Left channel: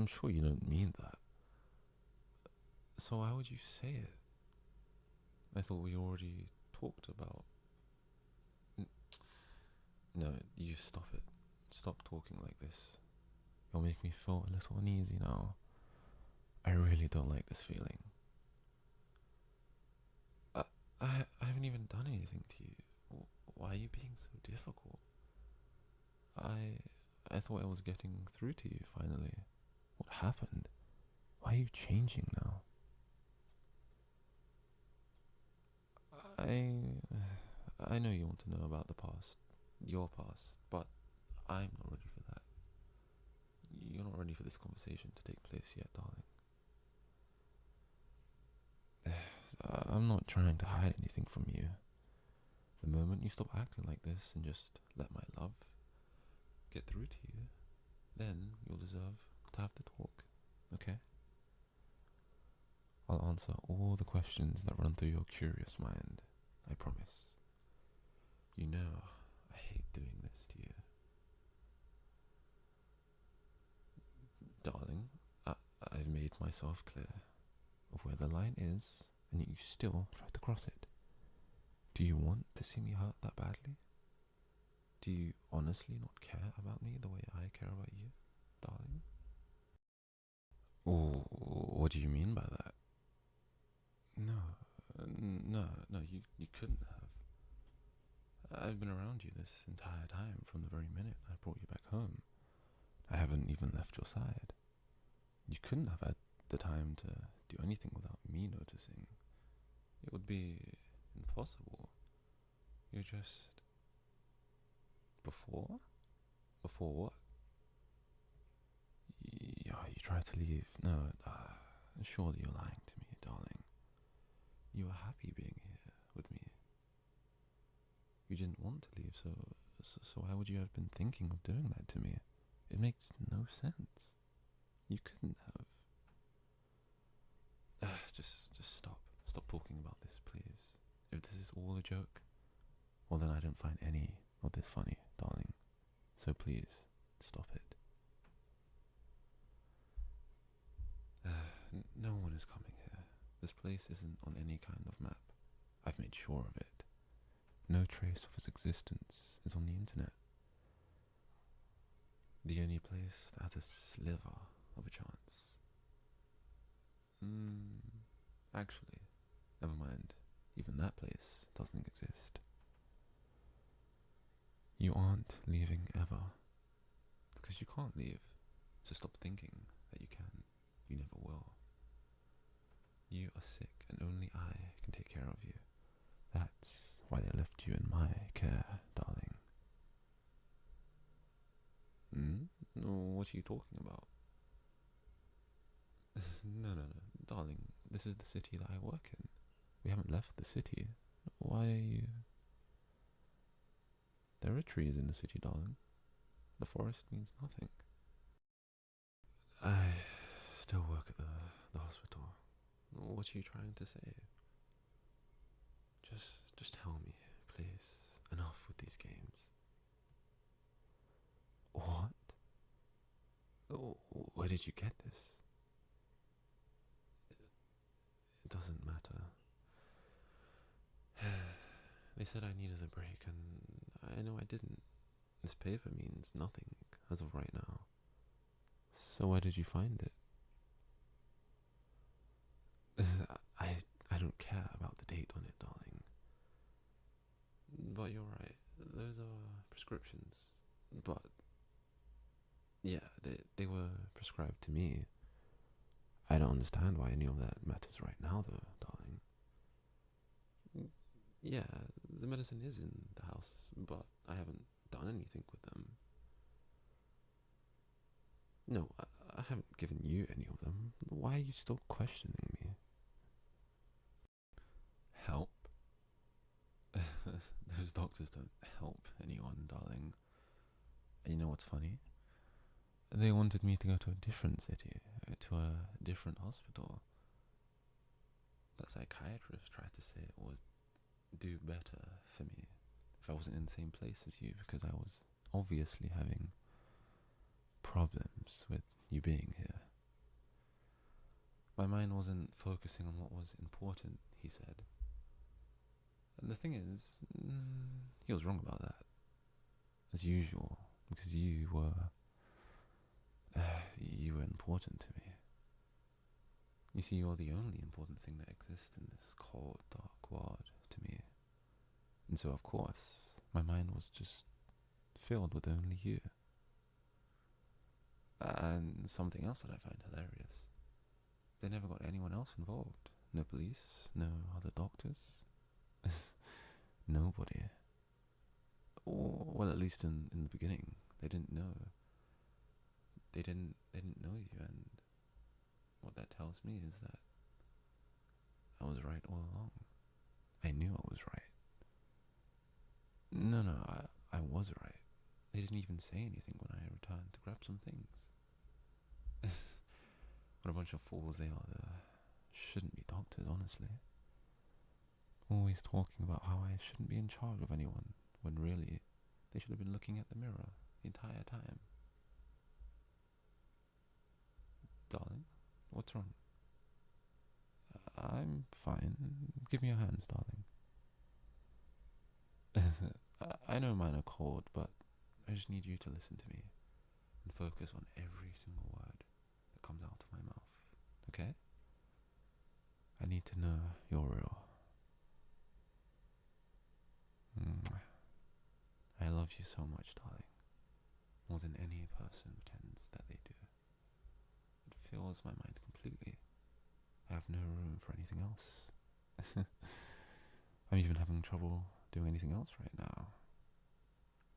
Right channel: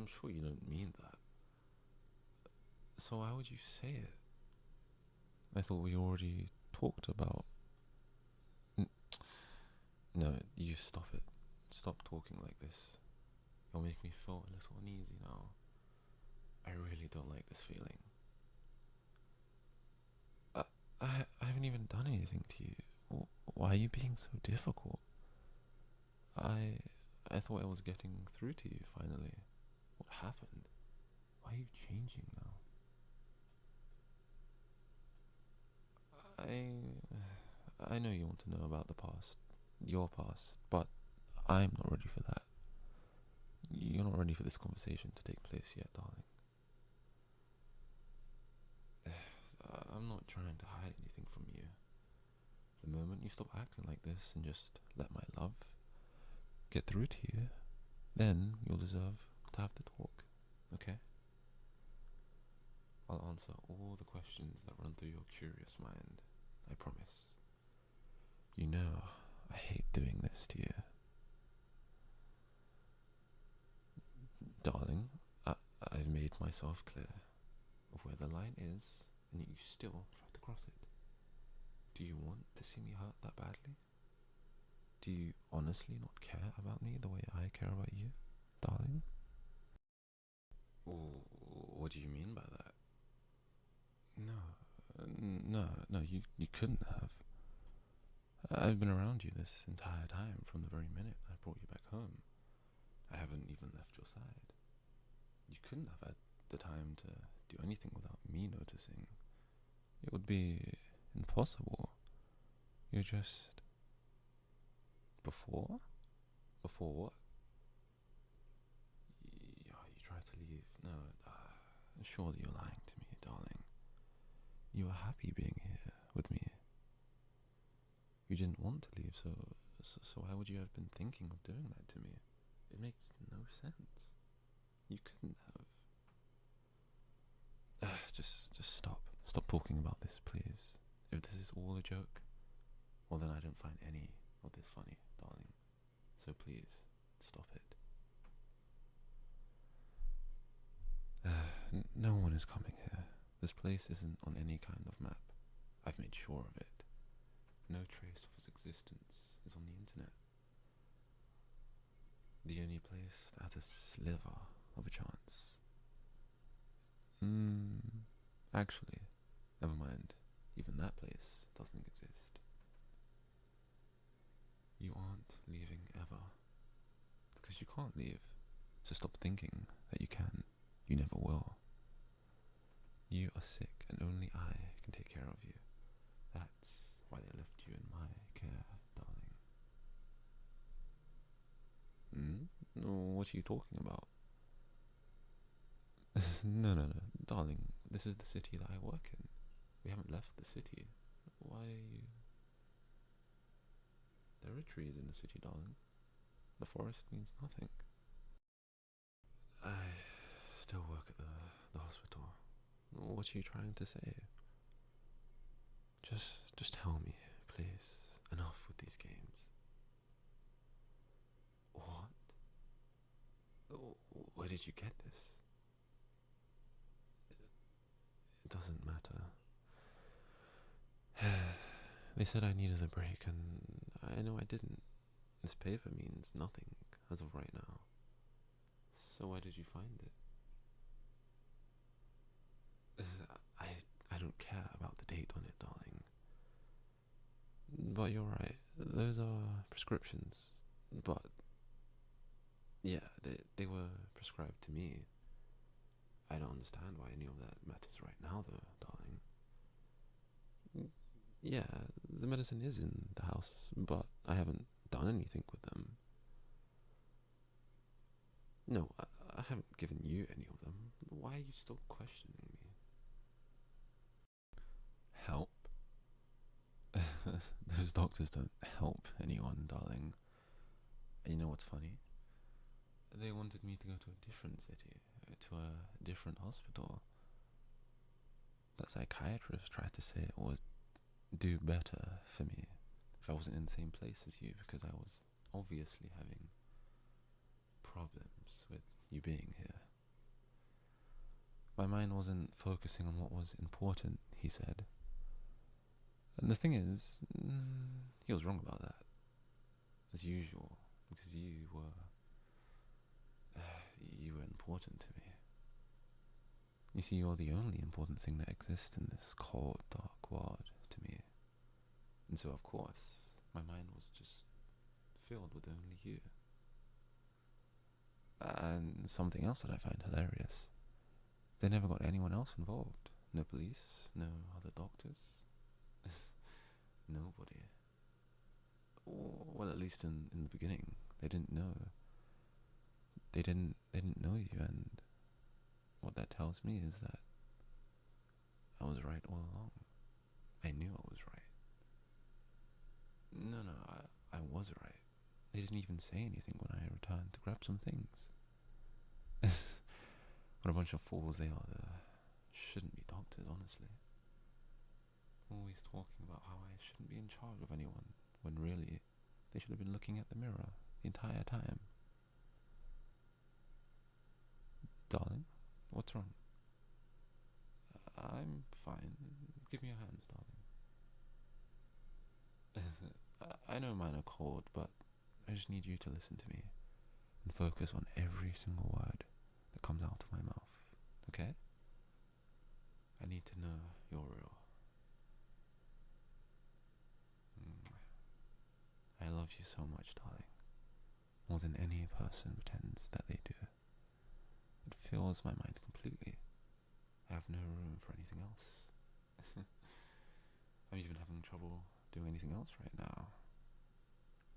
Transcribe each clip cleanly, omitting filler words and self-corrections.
I'm sure you don't mean that. So why would you say it? I thought we already talked about... No, you stop it. Stop talking like this. You'll make me feel a little uneasy now. I really don't like this feeling. I, I haven't even done anything to you. Why are you being so difficult? I thought I was getting through to you finally. What happened? Why are you changing now? I know you want to know about the past, your past, but I'm not ready for that. You're not ready for this conversation to take place yet, darling. I'm not trying to hide anything from you. The moment you stop acting like this and just let my love get through to you, then you'll deserve to have the talk, okay? I'll answer all the questions that run through your curious mind, I promise. You know I hate doing this to you. Darling, I've made myself clear of where the line is, and yet you still try to cross it. Do you want to see me hurt that badly? Do you honestly not care about me the way I care about you, darling? Oh, what do you mean by that? No, you couldn't have. I've been around you this entire time from the very minute I brought you back home. I haven't even left your side. You couldn't have had the time to do anything without me noticing. It would be impossible. You're just... Before? Before what? You tried to leave. No, surely you're lying to me, darling. You were happy being here with me. You didn't want to leave, so why would you have been thinking of doing that to me? It makes no sense. You couldn't have. Just stop. Stop talking about this, please. If this is all a joke, well then I don't find any of this funny, darling. So please, stop it. No one is coming here. This place isn't on any kind of map. I've made sure of it. No trace of its existence is on the internet. The only place that has a sliver of a chance. Actually, never mind. Even that place doesn't exist. You aren't leaving ever. Because you can't leave. So stop thinking that you can. You never will. You are sick and only I can take care of you. That's why they left you in my care, darling. What are you talking about? No, darling, this is the city that I work in. We haven't left the city. Why are you... There are trees in the city, darling. The forest means nothing. I still work at the hospital. What are you trying to say? Just tell me, please. Enough with these games. What? Where did you get this? It doesn't matter. They said I needed a break, and I know I didn't. This paper means nothing as of right now. So where did you find it? I don't care about the date on it, darling. But you're right. Those are prescriptions. But yeah, they were prescribed to me. I don't understand why any of that matters right now, though, darling. Yeah, the medicine is in the house, but I haven't done anything with them. No, I haven't given you any of them. Why are you still questioning me? Help? Those doctors don't help anyone, darling. And you know what's funny? They wanted me to go to a different city, to a different hospital. That psychiatrist tried to say it would do better for me if I wasn't in the same place as you, because I was obviously having problems with you being here. My mind wasn't focusing on what was important, he said. And the thing is, he was wrong about that, as usual, because you were important to me. You see, you're the only important thing that exists in this cold, dark world to me. And so, of course, my mind was just filled with only you. And something else that I find hilarious. They never got anyone else involved. No police, no other doctors. Nobody. Well, at least in the beginning, they didn't know. They didn't know you, and what that tells me is that I was right all along. I knew I was right. No, I was right. They didn't even say anything when I returned to grab some things. What a bunch of fools they are. Shouldn't be doctors, honestly. Always talking about how I shouldn't be in charge of anyone, when really, they should have been looking at the mirror the entire time. Darling, what's wrong? I'm fine. Give me your hands, darling. I know mine are cold, but I just need you to listen to me and focus on every single word that comes out of my mouth, okay? I need to know you're real. I love you so much, darling. More than any person pretends that they do. It fills my mind completely. I have no room for anything else. I'm even having trouble doing anything else right now.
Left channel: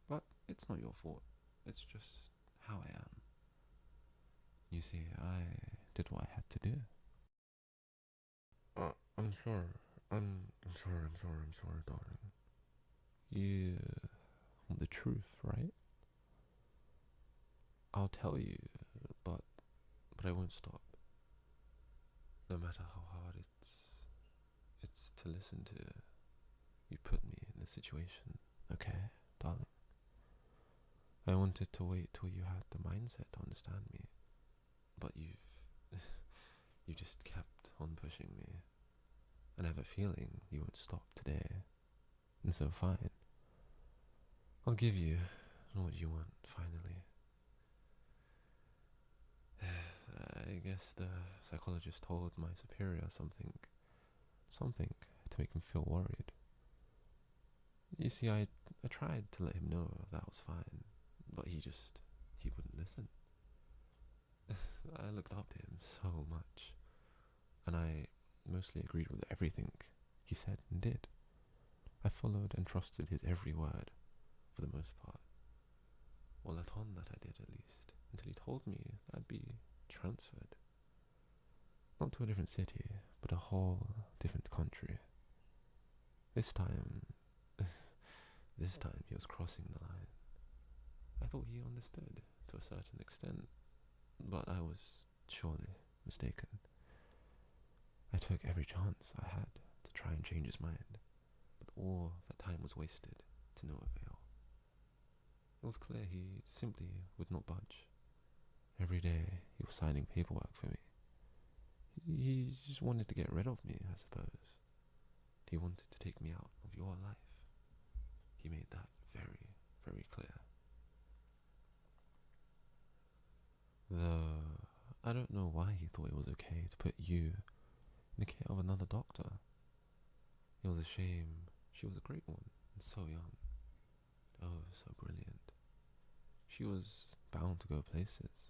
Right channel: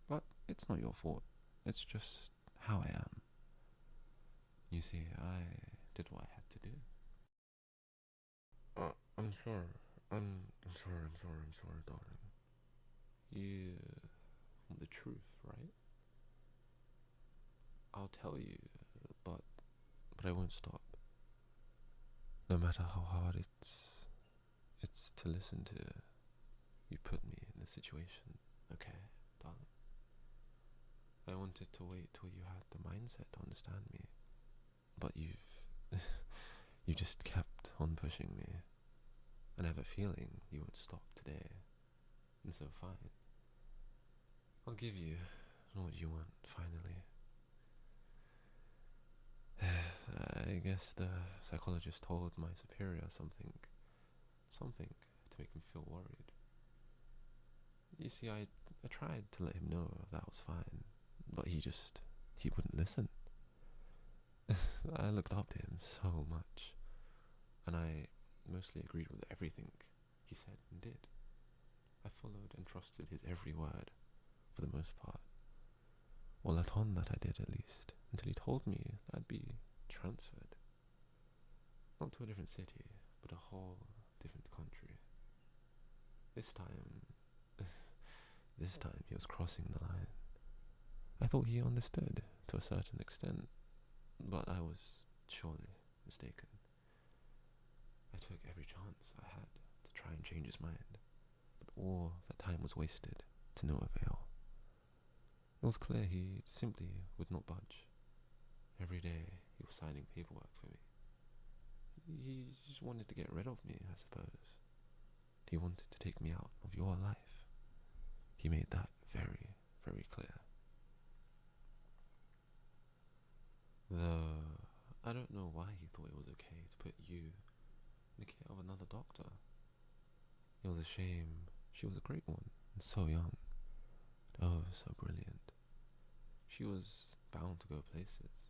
But it's not your fault. It's just how I am. You see, I did what I had to do. I'm sorry. I'm sorry, darling. You want the truth, right? I'll tell you, but I won't stop. No matter how hard it's to listen to. You put me in this situation, okay, darling? I wanted to wait till you had the mindset to understand me, but you just kept on pushing me, and I have a feeling you won't stop today, and so fine. I'll give you what you want, finally. I guess the psychologist told my superior something to make him feel worried. You see, I tried to let him know that was fine, but he wouldn't listen. I looked up to him so much, and I mostly agreed with everything he said and did. I followed and trusted his every word, for the most part. Or let on that I did, at least, until he told me that I'd be transferred. Not to a different city, but a whole different country. This time he was crossing the line. I thought he understood to a certain extent, but I was surely mistaken. I took every chance I had to try and change his mind, but all that time was wasted to no avail. It was clear he simply would not budge. Every day he was signing paperwork for me. He just wanted to get rid of me, I suppose. He wanted to take me out of your life. He made that very, very clear. Though I don't know why he thought it was okay to put you in the care of another doctor. It was a shame. She was a great one, and so young. Oh, so brilliant. She was bound to go places.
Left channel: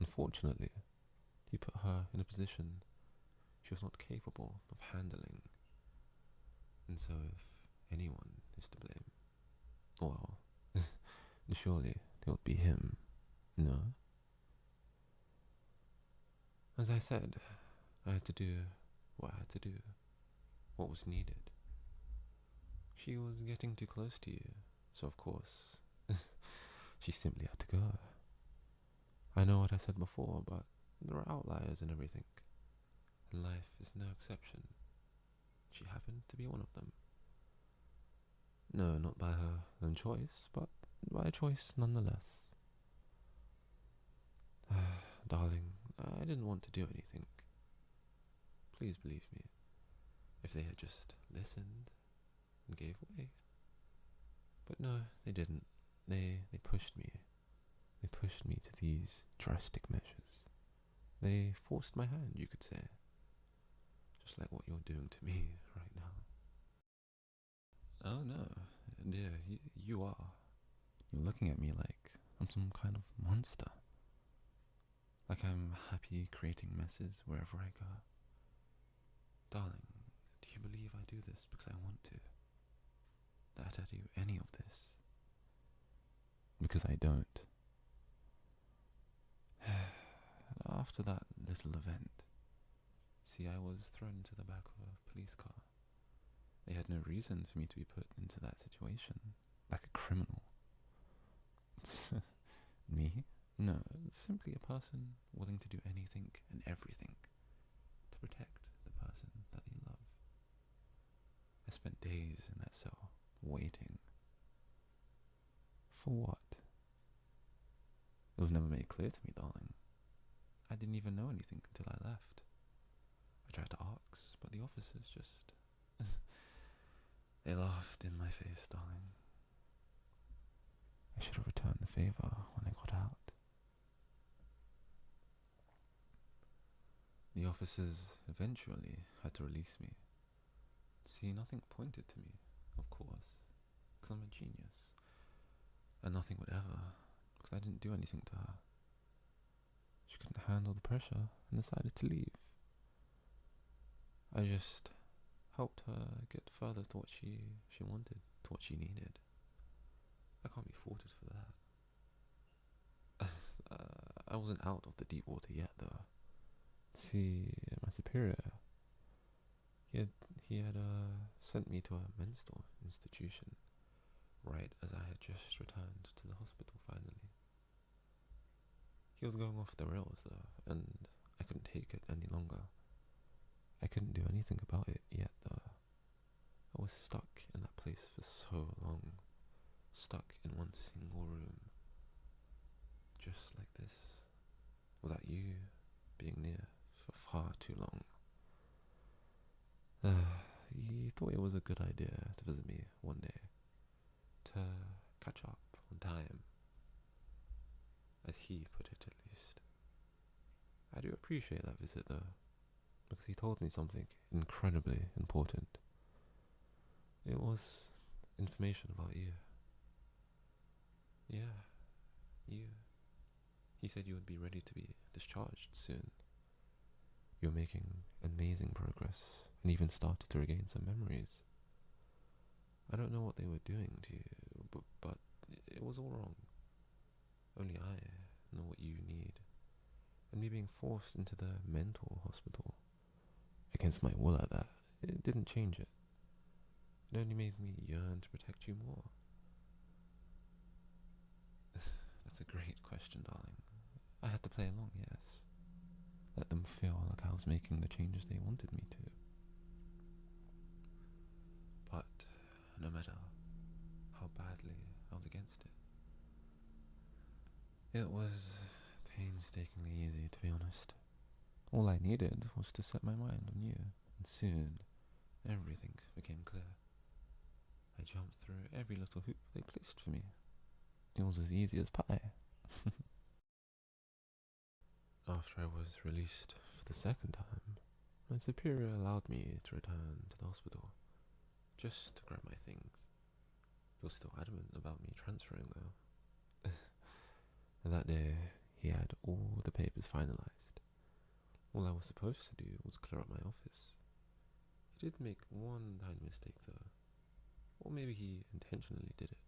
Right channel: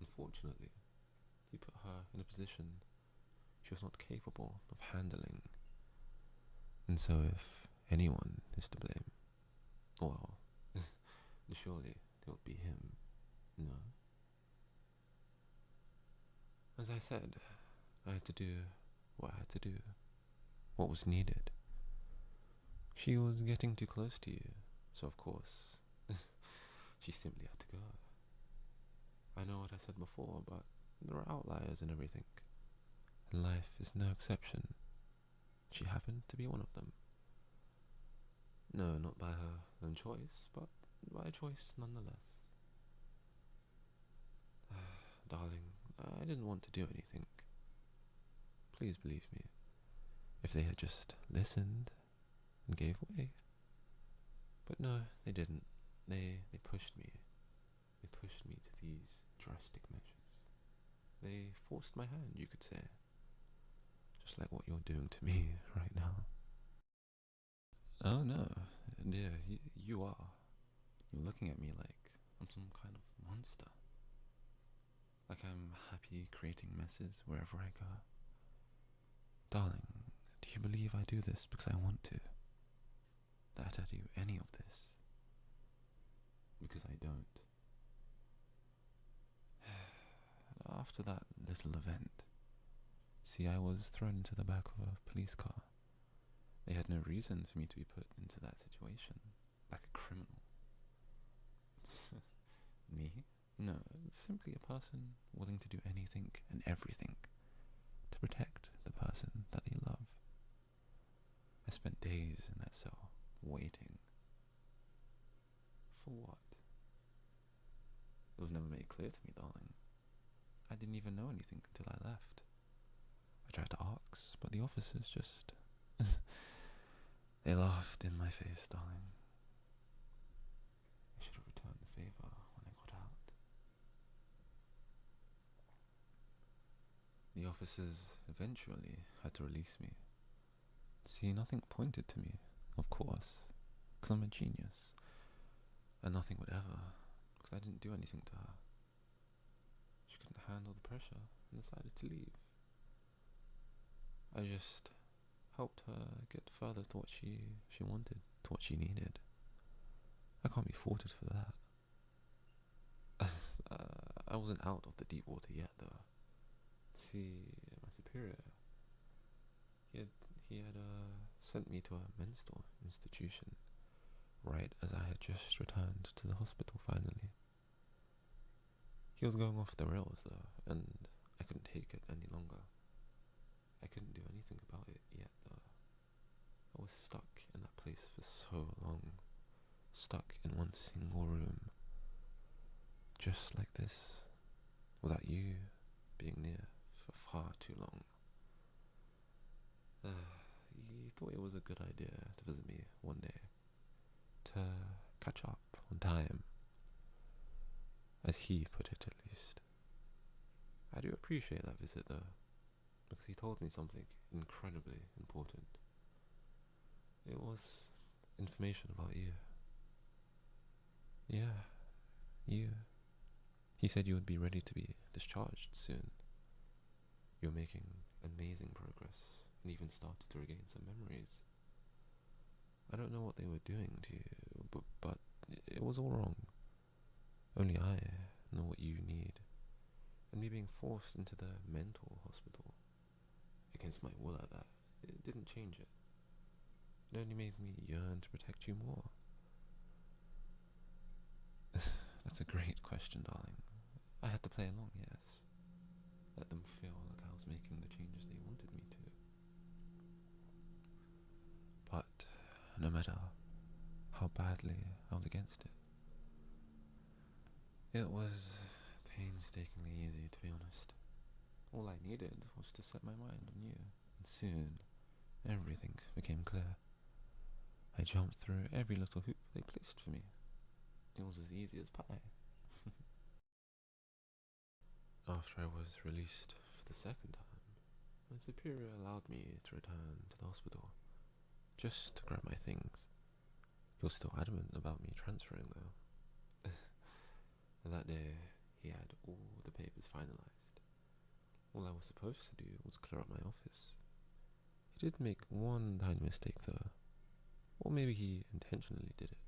Unfortunately, he put her in a position she was not capable of handling. And so if anyone is to blame, well, surely it would be him, no? As I said, I had to do what I had to do, what was needed. She was getting too close to you, so of course, she simply had to go. I know what I said before, but there are outliers in everything, and life is no exception. She happened to be one of them. No, not by her own choice, but by a choice nonetheless. Darling, I didn't want to do anything. Please believe me. If they had just listened and gave way. But no, they didn't. They pushed me. They pushed me to these drastic measures. They forced my hand, you could say. Just like what you're doing to me right now. Oh no, dear, you are. You're looking at me like I'm some kind of monster. Like I'm happy creating messes wherever I go. Darling, do you believe I do this because I want to? That I do any of this? Because I don't. After that little event, see, I was thrown into the back of a police car. They had no reason for me to be put into that situation, like a criminal. Me? No, simply a person willing to do anything and everything to protect the person that they love. I spent days in that cell, waiting. For what? It was never made clear to me, darling. I didn't even know anything until I left. I tried to ask, but the officers just... they laughed in my face, darling. I should have returned the favor when I got out. The officers eventually had to release me. See, nothing pointed to me, of course, because I'm a genius. And nothing would ever, because I didn't do anything to her. She couldn't handle the pressure and decided to leave. I just helped her get further to what she wanted, to what she needed. I can't be faulted for that. I wasn't out of the deep water yet, though. See, my superior, he had sent me to a mental institution right as I had just returned to the hospital finally. He was going off the rails, though, and I couldn't take it any longer. I couldn't do anything about it yet, though. I was stuck in that place for so long, stuck in one single room, just like this, without you being near for far too long. He thought it was a good idea to visit me one day, to catch up on time, as he put it at least. I do appreciate that visit though, because he told me something incredibly important. It was information about you. Yeah, you. He said you would be ready to be discharged soon. You're making amazing progress and even started to regain some memories. I don't know what they were doing to you, but it was all wrong. Only I know what you need. And me being forced into the mental hospital, against my will at that, it didn't change it. It only made me yearn to protect you more. That's a great question, darling. I had to play along, yes. Let them feel like I was making the changes they wanted me to. But no matter how badly I was against it was painstakingly easy, to be honest. All I needed was to set my mind on you, and soon everything became clear. I jumped through every little hoop they placed for me. It was as easy as pie. After I was released for the second time, my superior allowed me to return to the hospital, just to grab my things. He was still adamant about me transferring though. And that day, he had all the papers finalized. All I was supposed to do was clear up my office. He did make one tiny mistake though, or maybe he intentionally did it.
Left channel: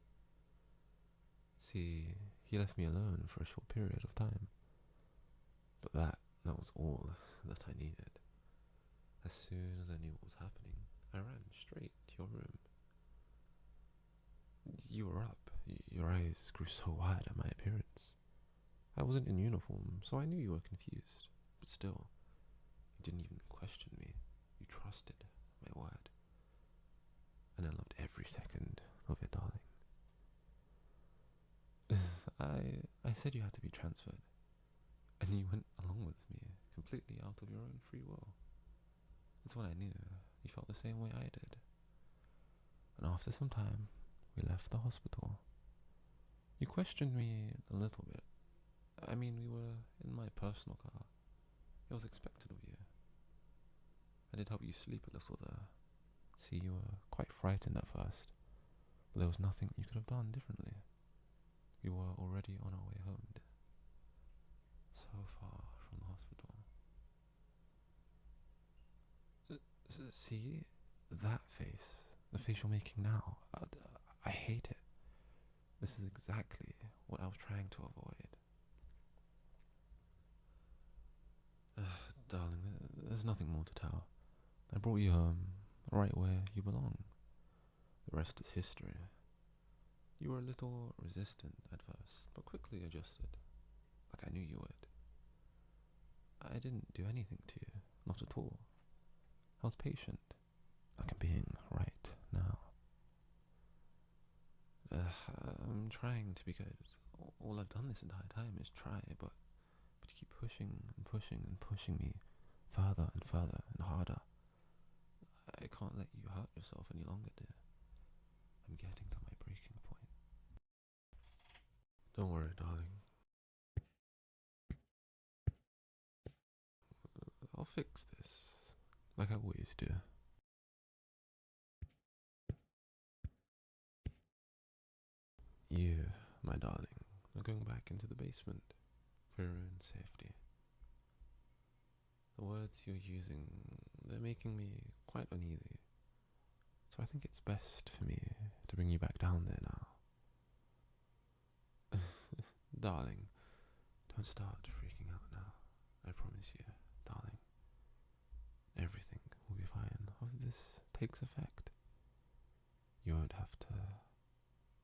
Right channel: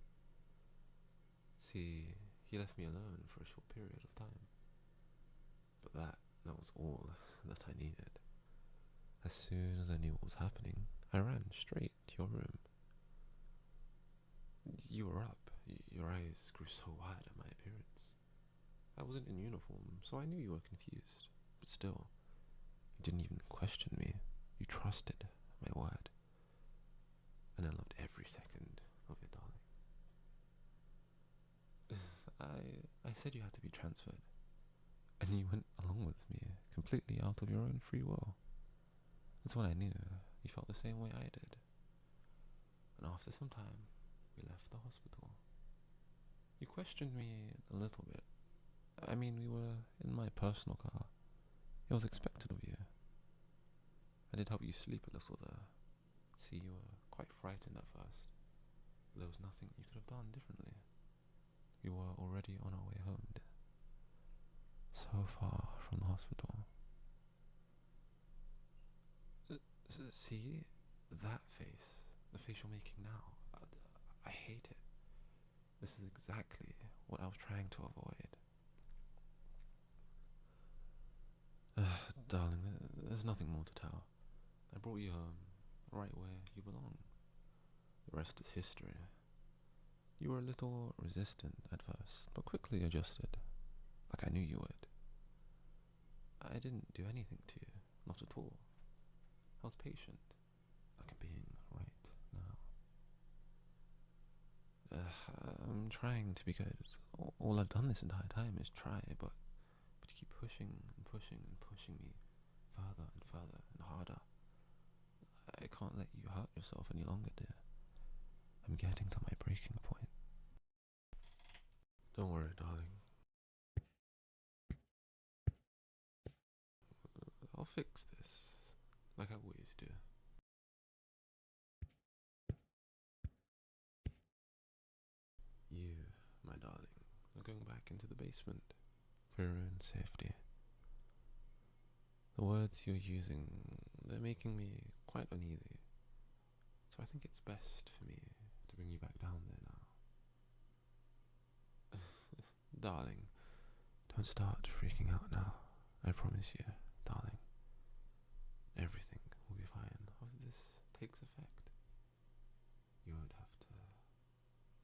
See, he left me alone for a short period of time. But that was all that I needed. As soon as I knew what was happening, I ran straight to your room. You were up. Your eyes grew so wide at my appearance. I wasn't in uniform, so I knew you were confused. But still, you didn't even question me. You trusted my word. And I loved every second of it, darling. I said you had to be transferred. And you went along with me, completely out of your own free will. That's when I knew you felt the same way I did. And after some time, we left the hospital. You questioned me a little bit. I mean, we were in my personal car. It was expected of you. I did help you sleep a little there. See, you were quite frightened at first, but there was nothing you could have done differently. We were already on our way home, dear. So far from the hospital. See, that face, the face you're making now, I hate it. This is exactly what I was trying to avoid. Darling, there's nothing more to tell. I brought you home, right where you belong. The rest is history. You were a little resistant at first, but quickly adjusted, like I knew you would. I didn't do anything to you, not at all. I was patient, like I'm being right now. I'm trying to be good. All I've done this entire time is try, but you keep pushing and pushing and pushing me further and further and harder. I can't let you hurt yourself any longer, dear. I'm getting to my breaking point. Don't worry, darling. I'll fix this, like I always do. You, my darling, are going back into the basement for your own safety. The words you're using, they're making me quite uneasy. So I think it's best for me to bring you back down there now. Darling, don't start freaking out now. I promise you, darling. Everything will be fine after this takes effect. You won't have to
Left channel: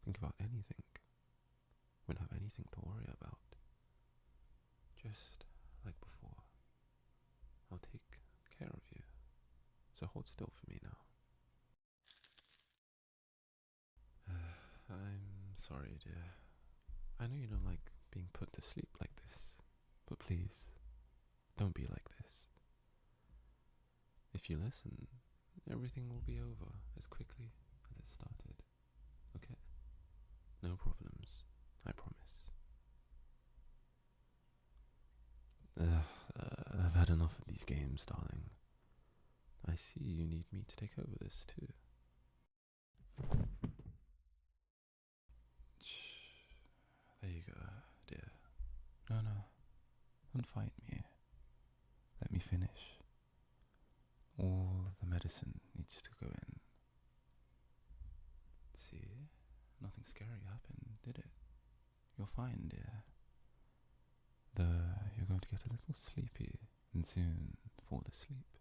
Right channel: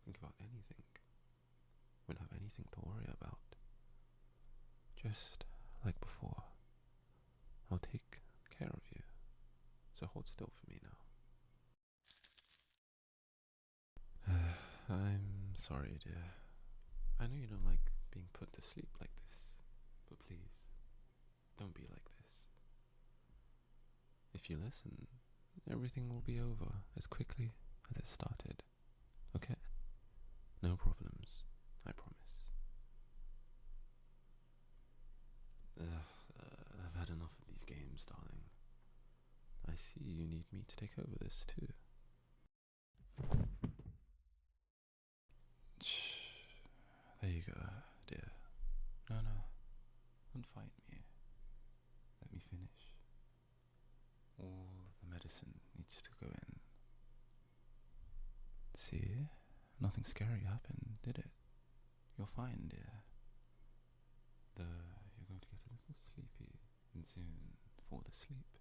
think about anything. Won't have anything to worry about. Just like before. I'll take care of you. So hold still for me now. I'm sorry, dear. I know you don't like being put to sleep like this, but please, don't be like this. If you listen, everything will be over as quickly as it started. Okay? No problems, I promise. I've had enough of these games, darling. I see you need me to take over this too. Shh. There you go, dear. No, don't fight me. Let me finish. All the medicine needs to go in. See? Nothing scary happened, did it? You're fine, dear. You're going to get a little sleepy and soon fall asleep.